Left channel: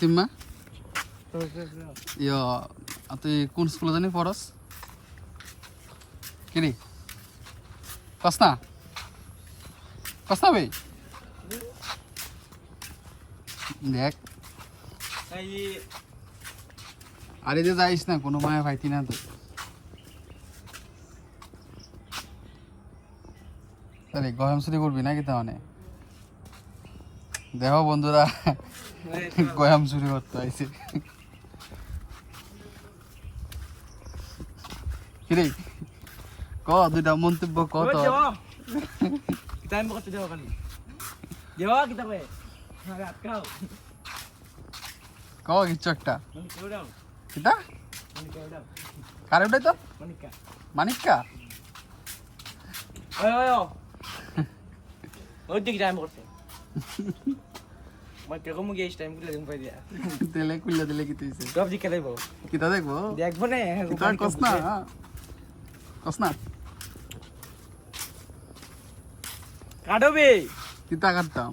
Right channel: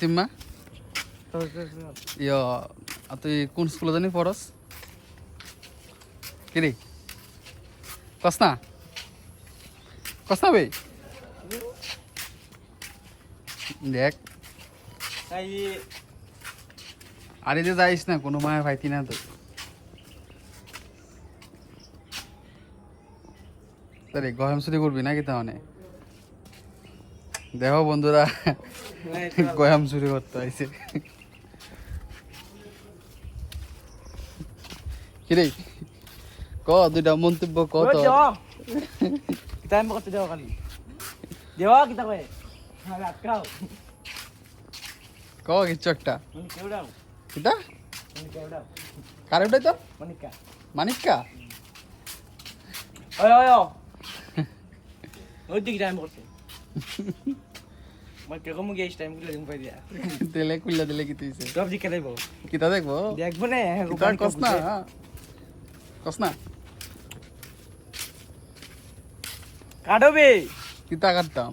তিম্মা ইয় তুই কোন স্কুলে জানি পড়স কিরে কস না বে দেখ আরে যে যাইস না কোনো মায়া পাইতি না তো আরে গরম ছুটি করবি নাকি তা মানে দেখো বন্ধুরা গয়াম চুরি করতে আইছে কিরে ক দুইটা মন্তব্য ক তো টাইম করতে যাও খালি দেওয়া কিতা কয় আরে আটকাও ক কিছু একটা মানে কেউ দাও কিতা মানে কেউ দাও কারে উঠাই তো মানিকা মানিক্কা ওই ওই ওই দিক টাইম করতে মানে কেউ মুগে এই টাইম গুলো পাই দিয়া তেলে কুইলা দিলে কি তুইছে সব দিকে দেবো কিতা দেখবো দেখবো না কিতা কস না কাটবে কিতা কাটতাম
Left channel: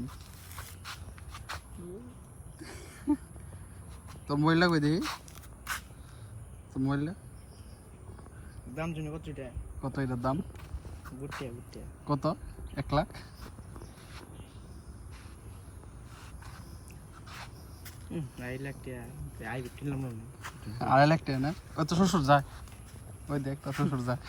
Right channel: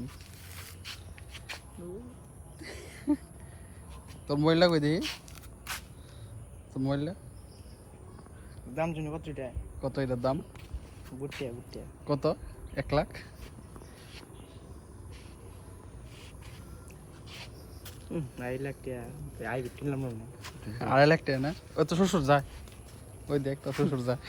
তোর মোবাইলটা কই দেখি তোর মোবাইলটা দাম জন্য কত এটা কত এটার দাম বুটে বুটে কত 1 লাখ আই লাখ টাকা আই বিটিলাম না 2.5 লাখ টাকা না ও তো শ্বশুর যায় ওই দেখ তো শ্বশুর যায়